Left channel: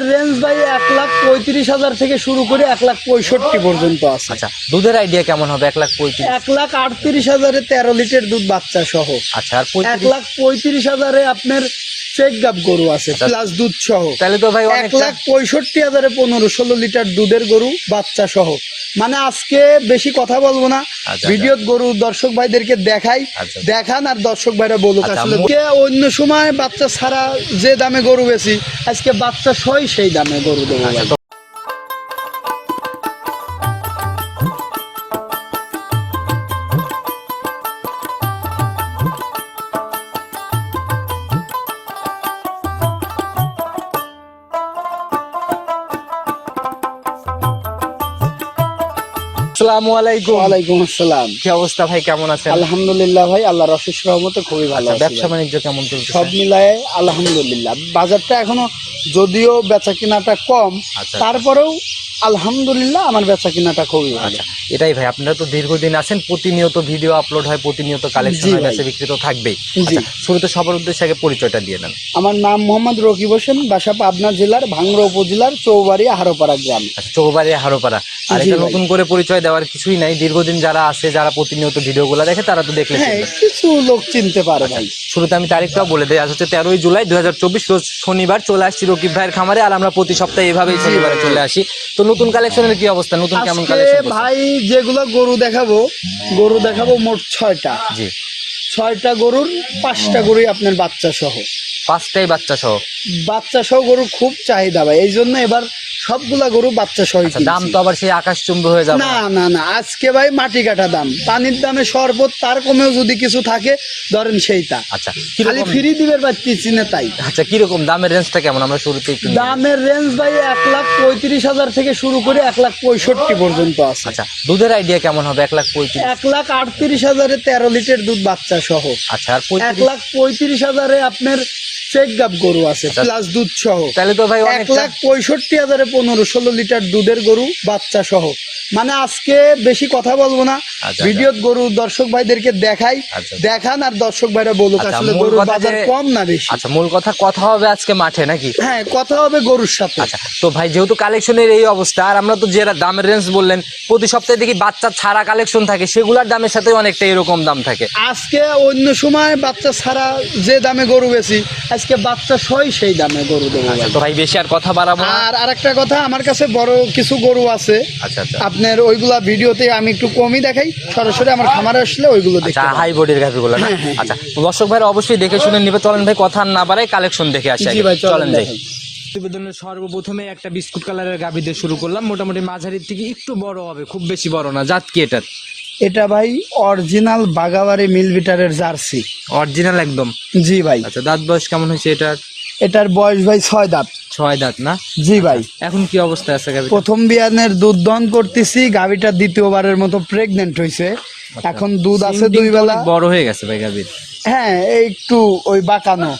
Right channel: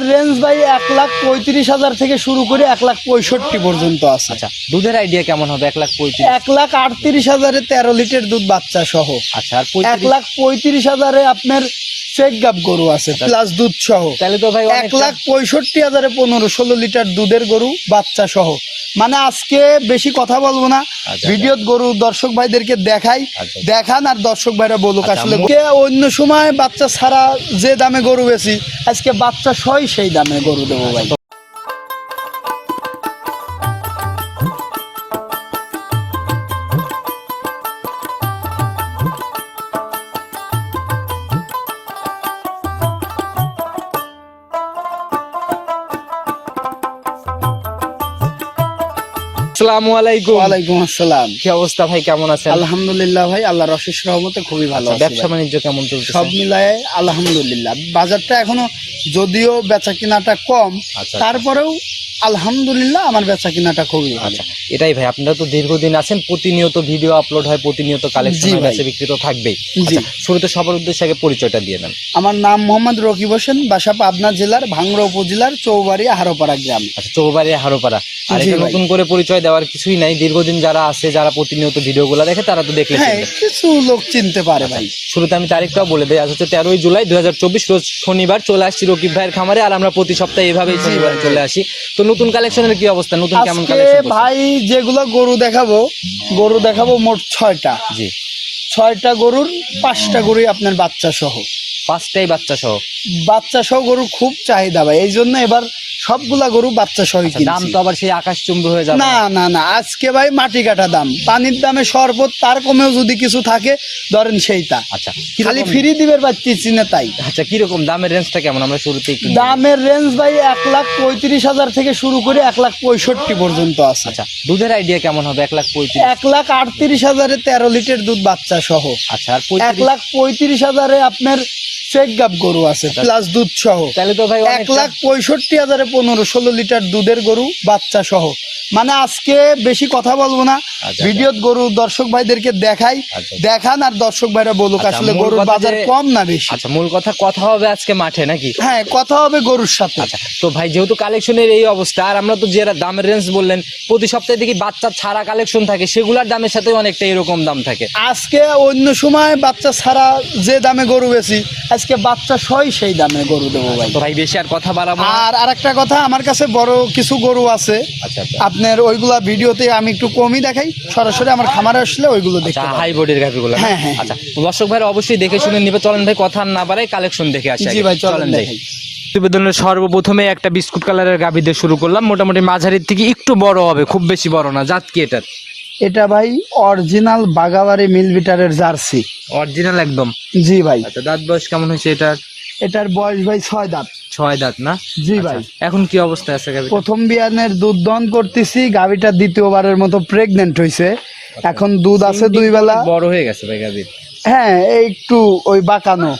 দামের রেঞ্জ ভাই এক লাখ পঁয়ত্রিশ হাজার থেকে শুরু করে এক লাখ পঁয়ষট্টি পর্যন্ত আছে। আচ্ছা দুধের আইডিয়া কেমন হবে? এক লাখ পঁয়ত্রিশ? এক লাখ আটত্রিশ হাজারে তেরো লিটার দুধ বাচ্চা সহ। আচ্ছা আর এক লাখ পঁয়ত্রিশ হাজারে আপনার চেক গাপ গরু আছে আচ্ছা। প্লাস দুধ সহ। তাহলে তো ভাই এক লাখ পঁয়ষট্টি হাজারে পনেরো ষোলো লিটার দুধের গরু বাচ্চা সহ। মানে আজকে বেশি কথা বলব না। ভিডিওত ভিডিও গরু দর্শক ভাইদেরকে দেখাই। আচ্ছা। দেখান আর দর্শক ভাইরা বলুক আচ্ছা, আসলে কে অন্য সময় বাচ্চা ছাড়া যে দামে গরু বেশি আজকে বাচ্চা সই সেই দামে গরু দেবো। আসসালামু আলাইকুম। ওয়ালাইকুম আসসালাম। কি অবস্থা ভাই কেমন আছেন? আলহামদুলিল্লাহ ভাই আল্লাহর অশেষ রহমতে খুবই ভালো আচ্ছা আছি ব্যবসা বাণিজ্য কেমন চলছে সব মিলায় আলহামদুলিল্লাহ। বাজারটা এখনও যদিও বেচা কিনাটা কম আচ্ছা। তারপরেও আলহামদুলিল্লাহ আমার বেচা কিনাটা খুবই ভালো। আচ্ছা এটাই ভাই আপনারা তো দীর্ঘদিন আছেন প্রতিনিয়ত ভিডিও আপলোড হয় প্রতিনিয়ত কালেকশন হয়। বেচা বিক্রি তো থাকবেই। আচ্ছা শুরুতে সবার উদ্দেশ্যে আগে পরিচয়টা দিয়ে নেন। আমার নাম মোহাম্মদ রকিব হোসেন বাসা পাবনা জেলার ভাঙ্গুড়া উপজেলার চৌবাড়ি হারোপাড়া গ্রাম। আচ্ছা চৌবাড়ি হারোপাড়া। আর এটা নতুন করে পরিচয় দেওয়ার কিছুই নাই। দীর্ঘদিন যারা আছে যারা প্রতিনিয়ত ভিডিওগুলো দেখে তারা তো দেখলে হ্যাঁ কিছু লোক চিনতে পারে আচ্ছা। ভাই। শুরুতে আমি তারিখটাও বলে দিই। আজ হচ্ছে তেরোই জুলাই দুই রোজ শনিবার চলে আসছি রকিব ভাইয়ের খামারে আর আমরা প্রতি সপ্তাহে এইভাবেই জি শনিবারে। চলে আসি। তো নতুন কালেকশনের কি অবস্থা? নতুন কেমন কালেকশন ভাই যেগুলো গরু দেখাবো গরু দেখাবো মোট ছয়টা। জি। ছয়টা গরুর পাঁচটা গরুই আপনার বাচ্চা সহ পাঁচটাই বাচ্চা সহ বাচ্চা সহ গরু খুব চাহিদা ভাই। এই জন্য এবার সবগুলা গরু বাচ্চা সহ আচ্ছা, দাম তো আবার সেই আকাশ চুম্ব হয়ে যাবে। না না না আজকে ভাই মাটি কাটা দাম। পানির দামে শরবত তার কমেও যদি কিছু থাকে ধরেন সেইটা। আচ্ছা খালি ফ্রি দিবে পাচ্ছি না তাই। আচ্ছা কীরকম? দামের রেঞ্জটা কেমন? আমরা শুরুতে একটু দামের রেঞ্জ ভাই এক লাখ পঁয়ত্রিশ হাজার থেকে শুরু করে এক লাখ পঁয়ষট্টি পর্যন্ত আছে। আচ্ছা দুধের আইডিয়া কেমন হবে? এক লাখ পঁয়ত্রিশ? এক লাখ আটত্রিশ হাজারে তেরো লিটার দুধ বাচ্চা সহ। আচ্ছা আর এক লাখ পঁয়ত্রিশ হাজারে আপনার গাপ গরু আছে আচ্ছা। প্লাস দুধ সহ। তাহলে তো ভাই এক লাখ পঁয়ষট্টি হাজারে পনেরো ষোলো লিটার দুধের গরু বাচ্চা সহ। মানে আজকে বেশি কথা বলব না। আচ্ছা, ভিডিও গরু দর্শক ভাইদেরকে দেখাই আচ্ছা। দেখান আর দর্শক ভাইরা বলুক আচ্ছা, আসলে গরুর বাজার কম না বেশি? আচ্ছা মূল কথা কথা হবে আজকে মাঠে নাকি? হ্যাঁ কথা হবে গরুর সাথে। আচ্ছা তো ভাই যেহেতু কালেকশনের এই অবস্থা আর আমরা তো যে দামের রেঞ্জ বললেন প্রতি সপ্তাহে দেখি বাচ্চা ছাড়া কালেকশন থাকে সেগুলোর দামের সাথে অনেকটা এরকম দাম থাকে। আজকে অন্য সময় বাচ্চা ছাড়া যে দামে গরু বেশি আজকে বাচ্চা সই সেই দামে গরু দেবো আচ্ছা তো ভাই বেশি আর কথা বাড়াবো আর আরেকটা কথা আমার কাছে বড় কিছু গরু আছে। আচ্ছা আচ্ছা। আপনার ওইগুলা ভিডিওতে আমি একটু কমই দেখাই। সরাসরি আমার খামারে আসলে ওইগুলো হাই বডির গাভিগুলো না? আচ্ছা দর্শক ভাই অবশ্যই দেখে শুনে নিবে। চলেন ভাই কথা না বাড়াই কালেকশন দেখে আসি জি ভাই চলেন প্রতিবেদনের সর্বপ্রথমে একটা বিস্কুট কালারের গাভি দিয়ে শুরু করলাম। মোটামুটি মাঝারির থেকে একটু বড় হবে খুব বেশি বড় না জাত কি এটার? এটা ভাই অরিজিনাল বাগাবাড়ি মিলবিটারের জার্সি। অরিজিনাল একদম? জি ভাই। আচ্ছা দাঁত বয়স কেমন হয়েছে এটার? এটার বয়স ভাই ছয় দাঁত। ছয় দাঁত না? জি ভাই। এখন কি অবস্থায় আছে গাভি প্রথম বিয়ানের দুধ দহন করতেছি গাভিটা দ্বিতীয়বারের মতো প্রেগনেন্ট হয়েছে এখন দুধ আছে দুই বেলা। বড় হয়ে গেছে ভাই গাভির। হ্যাঁ একটু ওই বাঁকানো।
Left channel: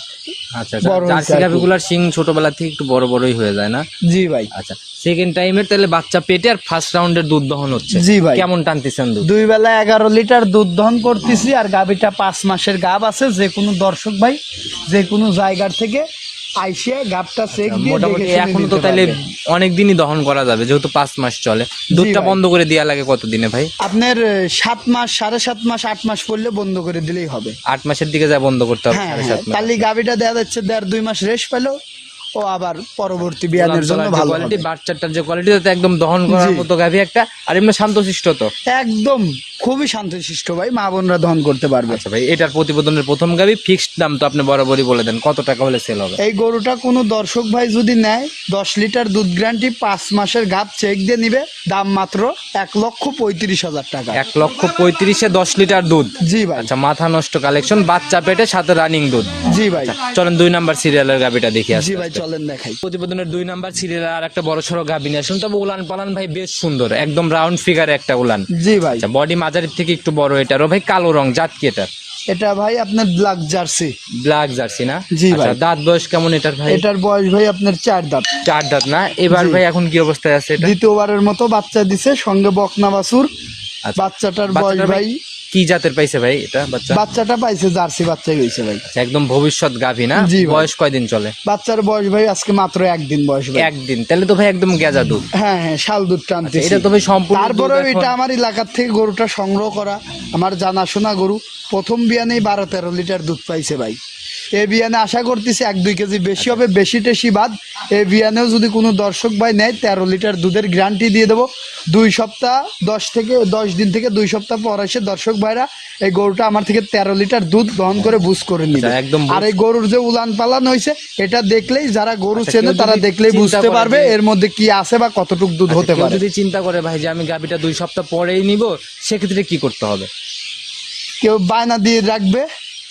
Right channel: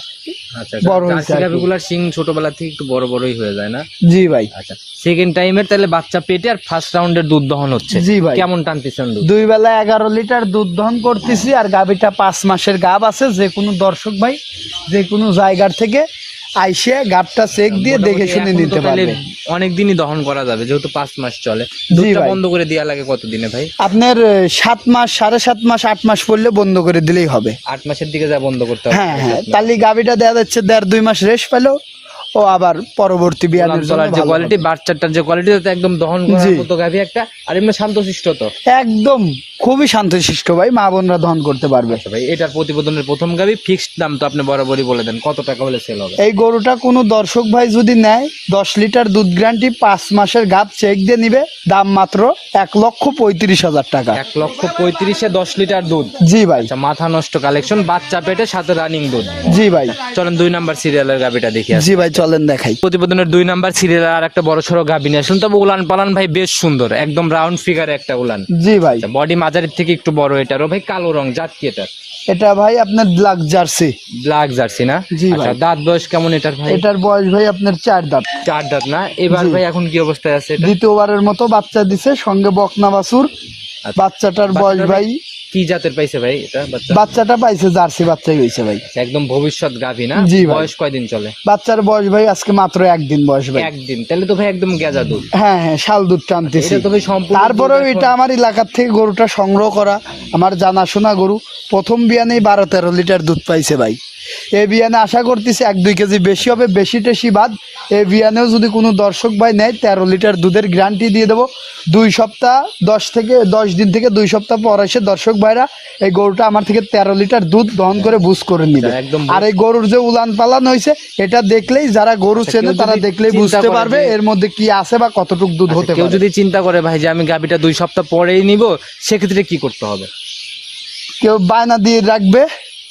আচ্ছা বড় জার্সি গাভিগুলার সিং ছোটবেলা থেকে একটু বড় বড়ই হয়ে যায় না? জি ভাই। আচ্ছা সেকেন্ড তাহলে বাচ্চা পেটে আর ফার্স্ট রাউন্ডের দুধ দহন হচ্ছে। জি ভাই। কেমন টানতেছেন দুধ? দুই বেলা এগারো লিটার দুধ দহন করতেছি আর গাভিটা পাঁচ মাসের গাব আছে যে কোনো দর্শক ভাই যে কোনো জায়গার থেকে আইসে গাবটা চেক দিয়ে দেখে শুনে নিতে তাহলে অনেক দিনই দহন করা যাবে যেহেতু পাঁচ মাস চলে। দুধটা বন্ধ করে দেওয়া লাগে কতদিনে ভাই? আপনার সাত মাস সাড়ে সাত মাস আট মাস পড়লে বন্ধ করে দিলেই হবে। আট মাসের দিকে যা বন্ধ করতে হবে হ্যাঁ সাড়ে হ্যাঁ। তাহলে গাভিটা দেওয়া যাচ্ছে দেড় দুই মাস রেস্ট পেল ও আবার পরবর্তী বিয়ানের জন্য ভালো কোয়ালিটি বাচ্চাটার যে কোয়ালিটি একদম দহন করার। মতো গাভি একটা আর এমনি শান্তশিষ্ট তো। একদম। খুবই শান্তশিষ্ট ভাই মা বোনরা দহন করতে পারবে। আচ্ছা ভাই এটার প্রতিবেদনের প্রথম গাভি ফিক্সড দাম তো আপনি বরাবরই বলে দেন কত টাকা হলে সেল হবে? এই গরুটা কোনো দর্শক ভাই যদি নেয় দশ লিটার দুধ গ্যারান্টি পাঁচ মাসের গাব চেক দিয়ে নিবে দাম মাত্র এক লক্ষ পঁয়ত্রিশ হাজার টাকা। এক লক্ষ পঁয়ত্রিশে দশ লিটার দুধ? জি ভাই। আচ্ছা মাথা নষ্ট কালেকশন বাচ্চা পেটে সাথে রানিং দুধ। জি ভাই। চলেন দুই নাম্বার সিরিয়ালের গাভিটা দেখি জি ভাই চলেন দেখাই। প্রতিবেদনের দুই নাম্বার সিরিয়াল আর একটা বড় সড়ো গাভি নিয়ে আসুন। তবে উলান পালান ভাই বেশ সুন্দর একদম রাউন্ড ফিগার একটা উলান। জি ভাই। আচ্ছা বডি মাঝারির থেকে একটু বড় এটারও ভাই কালো রং জাত কি এটার? এটা ভাই আপনার ব্ল্যাক জার্সি ব্ল্যাক জার্সি না? জি ভাই। আচ্ছা, দাঁত বয়স কেমন এটার ভাই? এটার বয়স ভাই আপনার চার দাঁত। চার দাঁত না? এবার ভাই এখন কি অবস্থায় আছে দ্বিতীয়বারের মতো বাচ্চা দিছে সঙ্গে বকনা বাছুর। আচ্ছা। বাচ্চাটার বয়স ভাই কি জাতের পাইছে ভাই এটা বাচ্চা? বাচ্চাটা পাইছে জার্সি বাচ্চাই হয়েছে ভাই। আচ্ছা, একদম ভবিষ্যৎ গাভী না? জি বয়স কয়দিন চলে? বাচ্চার বয়স ভাই আজকে মাত্র একদিন বয়স ভাই। একদিন তাহলে তো ভাই একদম গেজা দুধ। হ্যাঁ হ্যাঁ শাল দুধ টানতেছি। এটা তো ভাই সম্পূর্ণ তারপরে এটা আমার এলাকার থেকে গরুটা সংগ্রহ করা আমার জানাশোনা গরু। প্রথম বিয়ানেই বারো তেরো লিটার দুধ পাইছে ভাই। এই বিয়ানে আশা করতেছি এক দুই কেজি বেশি হবে বেশি টেশি বাদ। এই বিয়ানেও যদি কোনো দর্শক ভাই নেয় তেরো লিটার দুধের গ্যারান্টি দিয়ে দেবো। দুই সপ্তাহ দশ থেকে দশ দিন থেকে দুই সপ্তাহ পর এসে দর্শক ভাইরা এই গরুটা আমার থেকে তেরো লিটার দুধ দহন করে বুঝ করে নিবে। একদম আর এই গরুর যে উলান পালান হয়েছে এটা দেখলেই যারা গরু চেনে তারা দেখলেই বুঝতে পারবে এর মধ্যে কি আছে বা কতটুক দুধ হতে আচ্ছা, পারে। যদি চিন্তা করে ভাই যে আমি গাভীটা দুই সপ্তাহ পরেই নিব সেক্ষেত্রে কি করতে হবে? কেউ বায়না দিয়ে রাখবে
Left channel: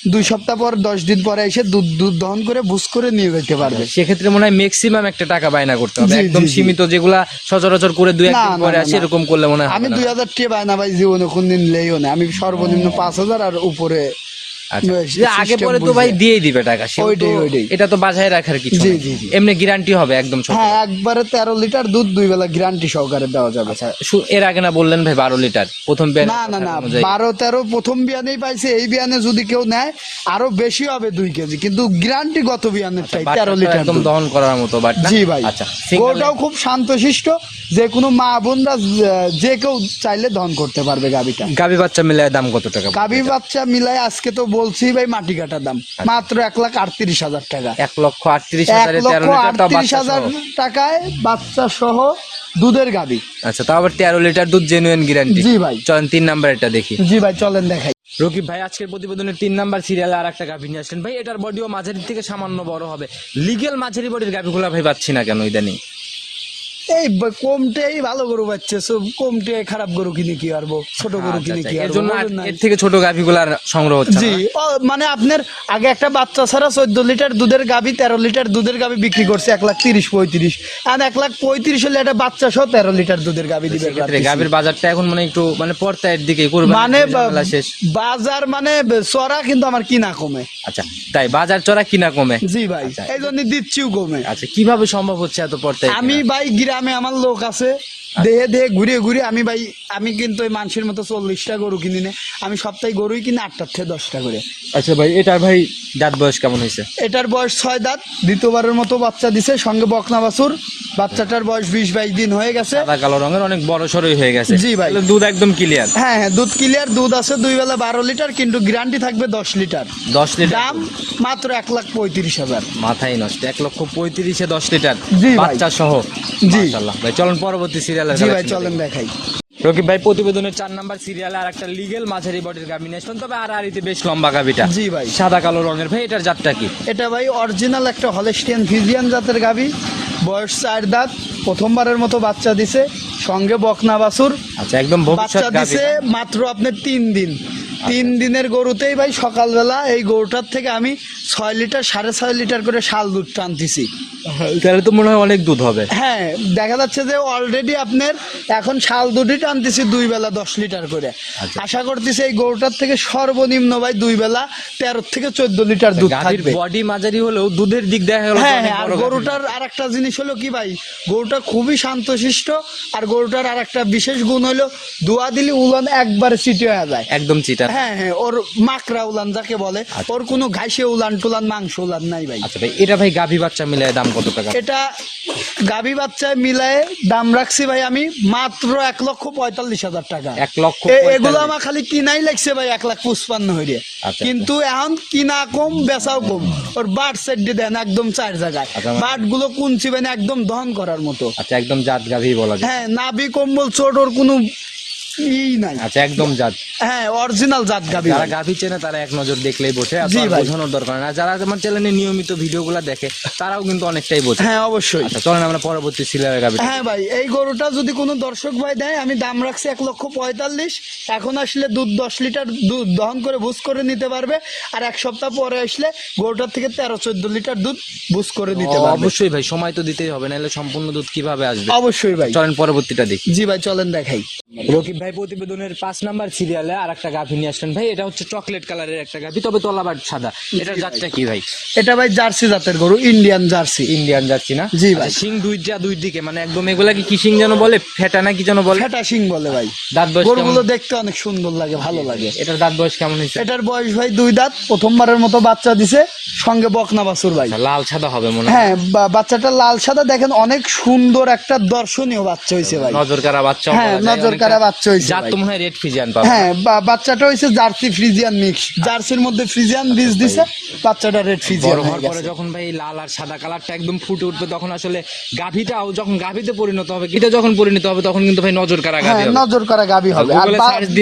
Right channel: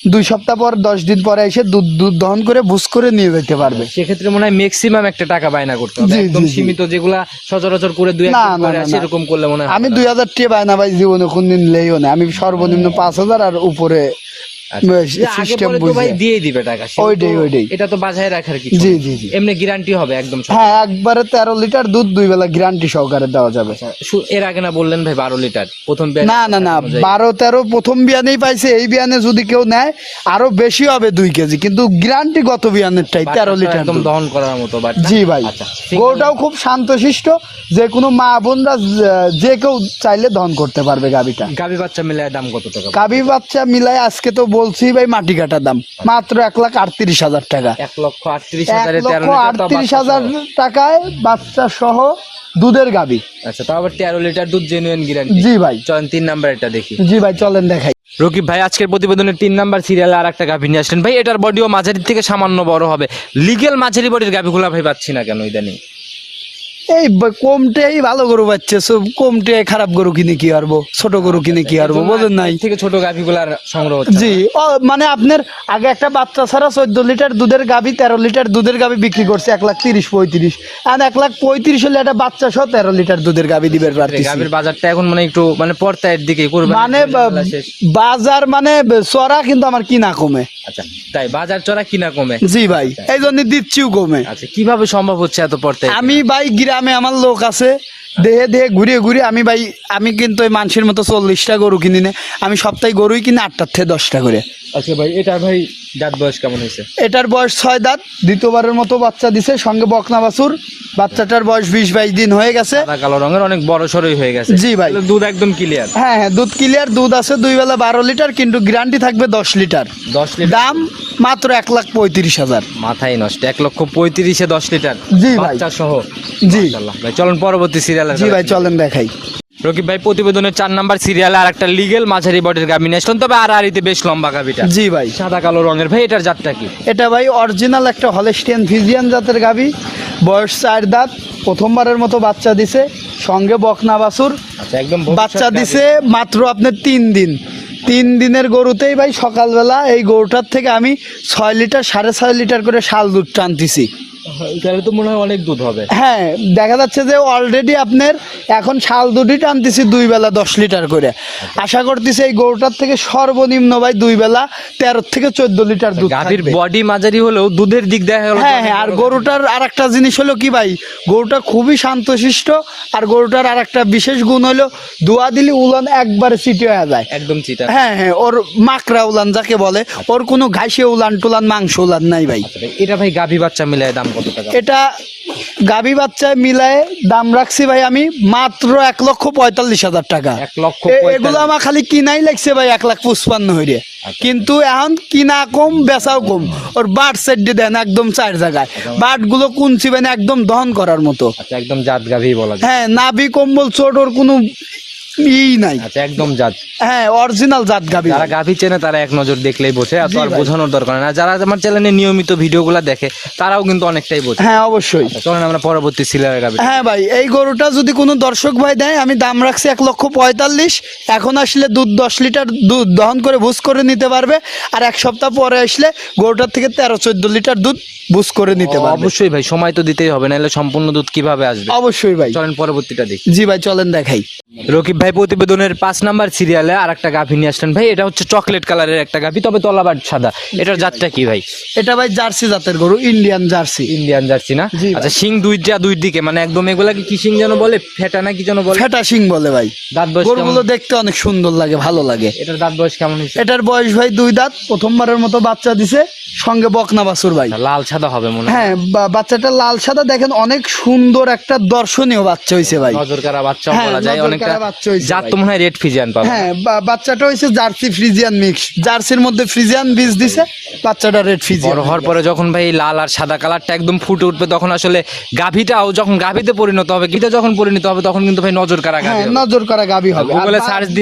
দুই সপ্তাহ পর দশ দিন পরে এসে দুধ দুধ দহন করে বুস করে নিয়ে যেতে পারবে। সেক্ষেত্রে মনে হয় ম্যাক্সিমাম একটা টাকা বায়না করতে হবে। একদম। সীমিত যেগুলা সচরাচর করে দুই হাজার একদিন পরে আসে এরকম করলে মনে হয় আমি দুই হাজার টাকা বায়না ভাই জীবনে কোনদিন লেইও না। আমি সর্বনিম্ন পাঁচ হাজার আর উপরে আচ্ছা। আগে পরে তো ভাই দিয়ে দিবে টাকা ওইটাই, ওইটাই। এটা তো বাজায় রাখার কিছু জি, জি, জি। এমনি গ্যারান্টি হবে একদম হ্যাঁ একবারে তেরো লিটার দুধ দুই বেলা গ্যারান্টি সহকারে দেওয়া যাবে। এর আগে না বললেন ভাই বারো লিটার? প্রথম না না না বারো তেরো প্রথম বিয়ানেই পাইছে এই বিয়ানে যদি কেউ নেয় আরও বেশি হবে দুই কেজি। কিন্তু গ্যারান্টি গত বিয়ানেরটাই তেরো লিটার একদম দহন করার মতো জি ভাই আচ্ছা গরুটাও খুব শান্তশিষ্ট যে কোনো মা বোনরা যে- কেউ চাইলে দহন করতে পারবে গাবিটা গাভী বাচ্চা মিলায় দাম কত টাকা? গাবি বাচ্চা মিলাই আজকে তো বলছি ভাই মাটি কাটা দাম। মাত্র এক লাখ আটত্রিশ হাজার টাকা। এক লক্ষ আটত্রিশ এক লক্ষ আটত্রিশ হাজার টাকায় বাচ্চা সহ দুধের গাবি। আচ্ছা তাও আবার তেরো লিটার দুধ জেনুইন গ্যারান্টি জি ভাই। চলেন তিন নাম্বার এটা দেখি। জি ভাই চলেন দেখাই। রকিব ভাই আজকের প্রতিবেদনের তিন নাম্বার সিরিয়ালে আর একটা গাভী নিয়ে আসলেন। ভাই এটার বডিও মাঝারির থেকে সামান্য বড় হবে। লিগেল মাঝারি বডির গাভীগুলো ভাই পাচ্ছি না কেন ইদানিং? এই কমটেই ভালো গরু পাচ্ছে সব কমটে খারাপ গরু কিনে কি ছোট গরু কিনে কি পারব বোঝেন নাই। থেকে ছোট গাভীগুলার সংগ্রহ জি মানে আপনার আগে একটা বাচ্চা ছাড়া চোদ্দ লিটার দুধের গাবি তেরো লিটার দুধের গাবি বিক্রি করছে এক লাখ তিরিশ পঁয়ত্রিশ। আর এক লাখ পঁয়ত্রিশ হলে একটা বাচ্চা সহ তেরো লিটার দুধের গাবি দিবে গাভীর বাজারটা এখন মানে একটু মানে পর্তায়ের দিকে কোরবানির মানে বাজার মানে চড়া কিন্তু আমার কিনা কমে। আচ্ছা তাই বাজার চড়া কিনা কমে? জি ভাই এই জন্য দিচ্ছিও কমে। আচ্ছা কীভাবে সম্ভব হচ্ছে এত পর্তায় আমি ভাই গ্রামে আমার লোক আছে। দেহে দেহে ঘুরে ঘুরে আমি ভাই আমি কিন্তু ওই মানুষের মতো চল্লিশটা গরু কিনি না। আমি সপ্তাহে গরুই কিনি আটটার থেকে দশটা করে। আচ্ছা ভাই এটা ভাই দাঁত বয়স কেমন হয়েছে? এটার বয়স ছয় দাঁত দ্বিতীয়বারের মতো বাচ্চা দিছে সঙ্গে বকনা বাছুর। বাচ্চাটার বয়স বিশ বাইশ দিন হয়ে গেছে। সাদা কালো রঙের অনেক বড় সরই হয়ে গেছে। জি ভাই। দুধ একদম ক্লিয়ার হ্যাঁ হ্যাঁ দুধ ক্লিয়ার দুধ আছে দুই বেলা বারো লিটার কিন্তু গ্যারান্টি থাকবে দশ লিটার। দশ লিটার? দাম মাত্র এক লাখ পঁয়ত্রিশ হাজার। মাথায় নষ্ট এক লক্ষ পঁয়ত্রিশে দশ লিটার। বাচ্চা সহ। জি। ভাই চলুন পরবর্তী সিরিয়ালের জি ভাই চলেন দেখাই। রকিব ভাই প্রতিবেদনের চার নাম্বার সিরিয়ালে আর একটা লিগেল মাঝারি বডির গাভী নিয়ে তবে আর আরিতে বেশ লম্বা গাভীটা। জি ভাই। সাদা কালো রঙের ভাই এটার জাতটা কি? এটা ভাই অরিজিনাল একটা হলেস্টিয়ান ফিজিয়ান জাতের গাবি বয়স চার দাঁত প্রথমবারের মতো বাচ্চা দিছে সঙ্গে বকনা বাছুর। আচ্ছা একদম বাচ্চা দিছে মাত্র আপনার তিন দিন। তিন দিনের গরুতেই ভাই সকালবেলা এই গরুটার থেকে আমি ছয় লিটার সাড়ে ছয় লিটার করে শাল দুধ টানতেছি। তাহলে তো মনে হয় অনেক দুধ হবে। হ্যাঁ দেখা যাচ্ছে যে অলরেডি আপনার এখন শাল দুধই টানতেছি দুই বেলা দশ লিটার করে। আচ্ছা। আশা করতেছি এই গরুটার থেকে সর্বনিম্ন ভাই দুই বেলা তেরো থেকে চোদ্দ লিটার দুধ গাভীর বডি মাঝারি হলেও দুধের দিক দেখা গেল হ্যাঁ হ্যাঁ আর গরুটার আর একটা জিনিস হলো কি ভাই গরুটা খুবই শান্তশিষ্ট আর গরুটার আর একটা বিশেষ গুণ হলো দোয়া দিলে উলন একবারে চিটে হয়ে যায়। একদম চিটা। হ্যাঁ হ্যাঁ ওর মাকড়া উলান যাকে বলে ওর কোনো ঘাসে উলান টুলান মাংস উলান নাই ভাই। আচ্ছা এটা ভাই গাভী বাচ্চা মিলায় দাম কত টাকা? এটা গাভী বাচ্চায় মিলায়ে দাম রাখছি ভাই আমি মাত্র এক লক্ষ পঁয়তাল্লিশ হাজার টাকা। এক লক্ষ এগুলো আমার খালি কিনাই লাগছে ভাই এক লাখ পঁচপান্ন হইরে। আচ্ছা। কিন্তু এখন কিনা কম বেচাও কম। ওর বাট সেট দিয়ে দেন একদম চার জায়গায়। আচ্ছা। বাটগুলো কুনছি মানে একদম দহন করার মতো। আচ্ছা একদম জাত গাভী বলা হ্যাঁ নাভি কম্বল চোট ওর কোনো ই নাই। আচ্ছা একদম জাত। হ্যাঁ অরিজিনাল জাত গাভী। যারা গাভী চেনে তারা এক নজর দেখলেই বোঝে আর। বোঝানোর দরকার আর যারা আমার চ্যানেলে নিয়মিত ভিডিওগুলো দেখে তারাও কিন্তু অনেকটাই বোঝে। হ্যাঁ অবশ্যই। আচ্ছা চলেন আমরা পরবর্তী গাভী হ্যাঁ ভাই এই গরুটা যদি কোনো দর্শক ভাই দেয় আমি দাম রাখছি এক লক্ষ পঁয়তাল্লিশ। এখন আসলে দুধ দশ লিটার দুধ দহন করে ভুজ করে নিতে পারবে আর এক সপ্তাহ পরে আসলে গরুটার থেকে তেরো চোদ্দ লিটার দুধ ভুজ করে নিতে পারবে। অবশ্যই ভাই সময় তো দিতেই হবে নাহলে সম্পূর্ণ দুধ কীভাবে আসবে? অবশ্যই ভাই। চলেন পরবর্তীটা দেখি। জি ভাই চলেন দেখাই। রকিব ভাই ভাই প্রতিবেদনের পাঁচ নাম্বার সিরিয়ালে আর একটা গাভী নিয়ে আসলেন। ভাই এটা হচ্ছে চকলেট কালারের একটা গাভী তবে তলাবার সাদা। এটার জাতটা কি ভাই? এটা ভাই জার্সি জাতের গরু ইন্ডিয়ান জার্সি। ইন্ডিয়ান জার্সি না? জি। আচ্ছা শিং দুইটা দুই দিকে মানে একদম এগুলা কি শিং যেন বলে ফেটা না কি যেন বলে? ফেটা সিং বলে ভাই। দাঁত বয়স গরুগুলো? দেখতে অনেক সুন্দর লাগে ভালো লাগে। এটার দাঁত বয়স কেমন হয়েছে? এটার বয়স ভাই দুই দাঁত প্রথমবারের মতো বাচ্চা দিছে সঙ্গে বকনা বাছুর ভাই। আচ্ছা, লাল সাদা হবে মনে হয়। বাচ্চাটা লাল সাদা দেখেন অনেক সুন্দর একটা দর্শনীয় বাচ্চা হয়েছে ভাই। নজর কারা বাচ্চা হ্যাঁ, নজর কারা বাচ্চা হয়েছে জাত তো মনে হয় রেড ফ্রিজিয়ান পাবে। হ্যাঁ বাচ্চাটা হয়েছে জার্সি ফ্রিজিয়ান মিক্স জার্সির মধ্যে ফ্রিজিয়ান বীজ দিছে বাচ্চাটা রেড ফ্রিজিয়ান বড় হওয়ার পরে যখন ভাই লাল আর সাদা কালারটা একদম ফুটে উঠবে তখন আসলে গাভীটাও যখন গাভীতে পরিণত হবে গিটা যখন পরিণত হবে তখন কিন্তু ভাই নজর কারা হ্যাঁ গাভী হবে। নজর কারা গাভী হবে আর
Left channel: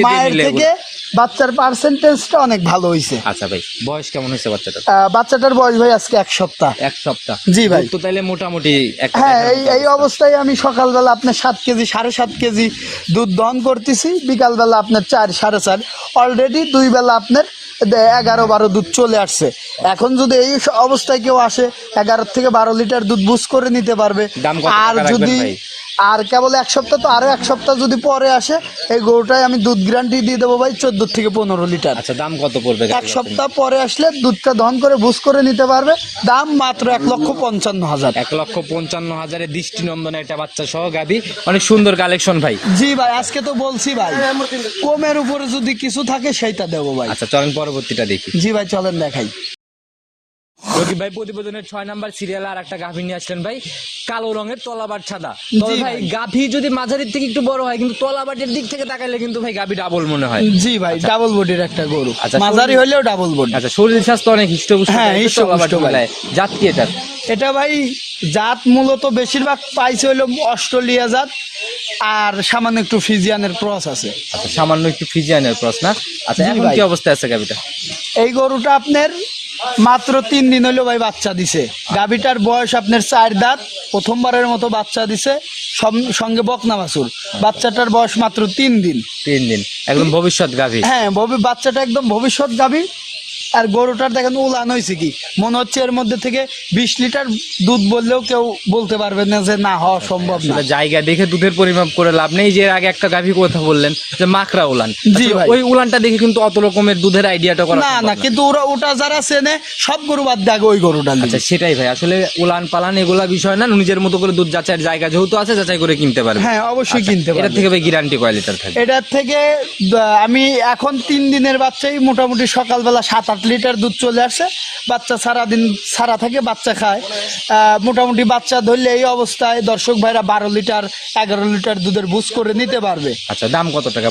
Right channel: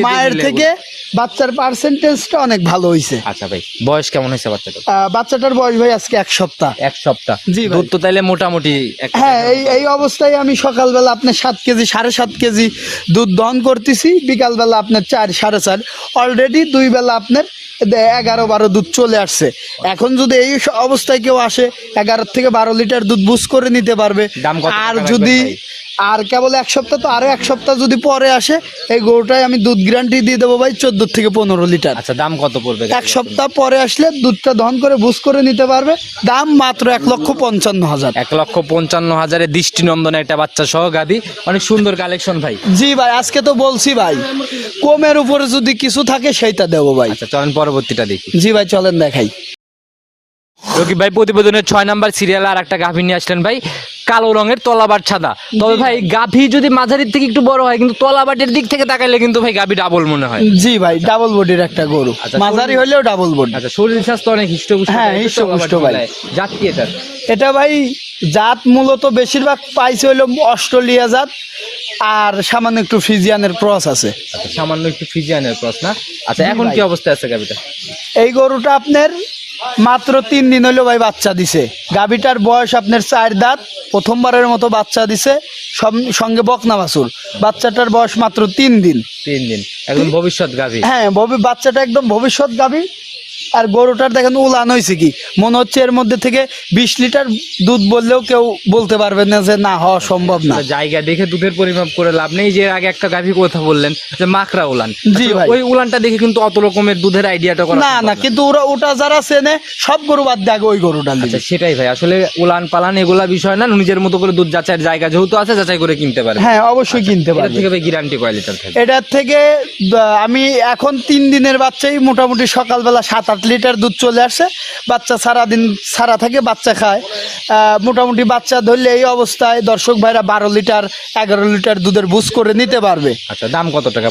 মায়ের থেকে বাচ্চার পার্সেন্টেজটা অনেক ভালো হয়েছে আচ্ছা ভাই বয়স কেমন হয়েছে বাচ্চাটা আহ, বাচ্চাটার বয়স ভাই আজকে এক সপ্তাহ। এক সপ্তাহ? জি ভাই। তো তাইলে মোটামুটি হ্যাঁ এই এই অবস্থায় আমি সকালবেলা আপনার সাত কেজি সাড়ে সাত কেজি দুধ দহন করতেছি। বিকালবেলা আপনার চার সাড়ে চার। অলরেডি দুই বেলা আপনার এগারো বারো দুধ চলে আসছে। এখন যদি এই অবস্থায় কেউ আসে এগারো থেকে বারো লিটার দুধ বুস করে নিতে পারবে। আর যদি? আর কেবল এক সপ্তাহ তো আরও এক সপ্তাহ যদি পরে আসে এই গরুটাই আমি দুধ গ্যারান্টি দিয়ে দেবো ভাই চোদ্দ থেকে পনেরো লিটার। আচ্ছা দাম কত পড়বে এক সপ্তাহ পরে আসলে দুধটা দহন করে বুস করে নিতে পারবে। দাম মাত্র এক লক্ষ পঞ্চান্ন হাজার। এক লক্ষ পঞ্চান্ন হাজারে দৃষ্টিনন্দন একটা বাচ্চা সহ গাভী অনেক সুন্দর কালেকশন ভাই। জি ভাই আজকে তো বলছি ভাই কমের উপরে যদি কিছু থাকে সেইটা দেবো ভাই। আচ্ছা চলেন পরবর্তীটা দেখি। জি ভাই চলেন দেখাই। রকিব ভাই প্রতিবেদনের ছয় নাম্বার সিরিয়াল আর একটা গাভী নিয়ে আসলেন ভাই। কালো রঙের তলাবার ছাদা তবে ভাই গাভী যদি মাঝারির থেকে একটু বড় হয় কিন্তু তলাবাটের দিক থেকে তাকাইলে কিন্তু ভাই গাভী ডাবল মনে হয়। জি ভাই ডাবল বডির একটা গরু। আচ্ছা, মাঝারি হলেও ডাবল বডি আচ্ছা শরীর স্বাস্থ্য অনেক হিষ্টপুষ্ট হ্যাঁ, হিষ্টপুষ্ট ভাই। জাত কি এটা এটা ভাই জাত মূলত বেশিরভাগ পাইছে হলো অস্ট্রেলিয়া জাত আর সামান্য একটু ফিজিয়ানের ক্রস আছে। আচ্ছা সামান্য একটু ফিজিয়ানের ক্রস না? আচ্ছা এখন কি অবস্থা আছে গাভীটা? এই গরুটা আপনার মাত্র তিন দিন হলো ভাই বাচ্চা দিছে। গাভীটার বয়স আপনার চার দাঁত প্রথমবারের মতো বাচ্চা দিছে সঙ্গে বকনা মাসুর বাচ্চাটার বয়স মাত্র তিন দিন। তিন দিন। একদম ভবিষ্যৎ গাভী। হ্যাঁ বাচ্চাটা একদম ভবিষ্যৎ গাভী। আর গরুটার দেখেন উলান হয়েছে কি? মনে হচ্ছে এর মধ্যে থেকে বিশ লিটার দুধ বললেও কেউ বলতে পারবে না যে না হওয়া সম্ভব না। জায়গা দেখে দুধের পরিমাপ করে লাভ নেই। যে আগে একটা গাভী কথা বললেন যে মাকড়া উলান। ওই উলানটা দেখে কিন্তু অত রকমের দুধের আইডিয়াটা করা না না কিন্তু ওরা ওটা যারা চেনে সব গরু বাদ দেয় আগে ওই গরুটা আচ্ছা সেটাই ভাই। আসলে উলান পালান এগুলা বিষয় না নিজের মতো করে দুধ যাচাইয়ের জায়গা যেহেতু আছে যাচাই করে কিনতে পারবে। হ্যাঁ অবশ্যই কিনতে এটা থেকে ভাই গ্যারান্টি কয় লিটার থাকবে? এটার থেকে আমি এখন তিন দিনের বাচ্চাই মোটামুটি সকালবেলা সাত আট লিটার দুধ চলে আসে বাচ্চা সারাদিন সারা থাকে বাচ্চা খায়। মোটামুটি বাচ্চা ধরলে এই অবস্থায় দর্শক ভাইরা বারো লিটার এগারো লিটার দুধের বুঝ করে নিতে পারবে। আচ্ছা দাম কত টাকা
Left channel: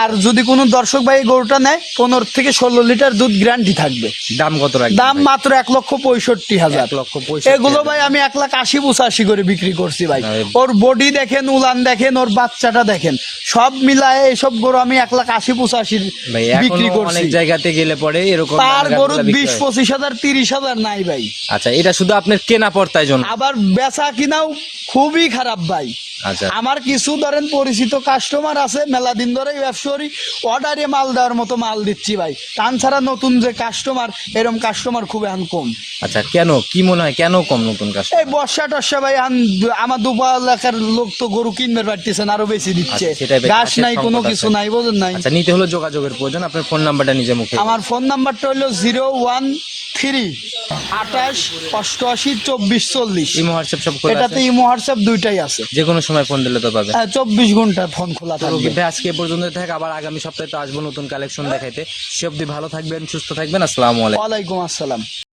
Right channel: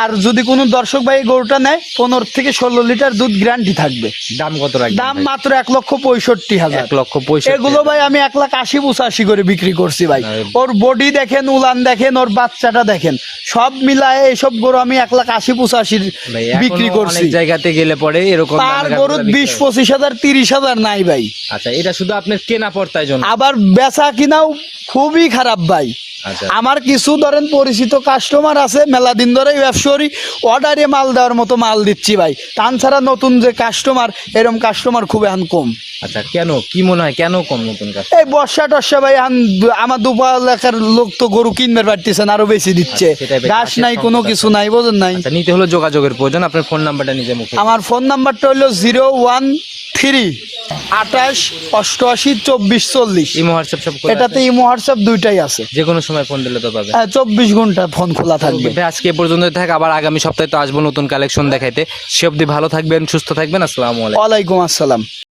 আর যদি কোনো দর্শক ভাই গরুটা নেয় পনেরো থেকে ষোলো লিটার দুধ গ্যারান্টি থাকবে। দাম কত দাম মাত্র এক লক্ষ পঁয়ষট্টি হাজার। এক লক্ষ পঁয়ষট্টি এগুলো ভাই আমি এক লাখ আশি পঁচাশি করে বিক্রি করছি ভাই। ওর বডি দেখেন উলান দেখেন ওর বাচ্চাটা দেখেন। সব মিলায় এইসব গরু আমি এক লাখ আশি পঁচাশির বিক্রি করছি। অনেক জায়গাতে গেলে পরে এরকম পার দামের গরু গাভীগুলা বিশ পঁচিশ হাজার তিরিশ হাজার নাই ভাই। আচ্ছা এটা শুধু আপনার কেনা পড়তায় জন্য? আবার বেচা কিনাও খুবই খারাপ ভাই। আচ্ছা। আমার কিছু ধরেন পরিচিত কাস্টমার আছে মেলা দিন ধরে ব্যবসায়ী অর্ডারে মাল দেওয়ার মতো মাল দিচ্ছি ভাই। তান ছাড়া নতুন যে কাস্টমার এরকম কাস্টমার খুব এখন কম। আচ্ছা কেন? কি মনে হয় কেন কম নতুন এই বর্ষা টর্ষা ভাই আন- আমার দুপা এলাকার লোক তো গরু কিনবে পারতেছেন আরও বেশি দিচ্ছে। আচ্ছা, ভাই, ঘাস নাই কোনো কিছু নাই বোঝেন নাই। আচ্ছা নিতে হলো যোগাযোগের প্রয়োজন আপনার ফোন নাম্বারটা নিজে মুখে আমার ফোন নাম্বারটা হলো জিরো ওয়ান থ্রি আঠাশ অষ্টআশি চব্বিশ চল্লিশ। ইমো হোয়াটসঅ্যাপ সব এটাতে ইমো হোয়াটসঅ্যাপ দুইটাই আছে। যে কোনো সময় ফোন দিলে তো পাবে। হ্যাঁ চব্বিশ ঘণ্টা ফোন খোলা থাকবে। আজকে এ পর্যন্ত থাক। আবার আগামী সপ্তাহে তো আসব নতুন কালেকশন দেখাইতে। সে অব্দি ভালো থাকবেন সুস্থ থাকবেন। আসসালামু আলাইকুম। ওয়ালাইকুম আসসালাম।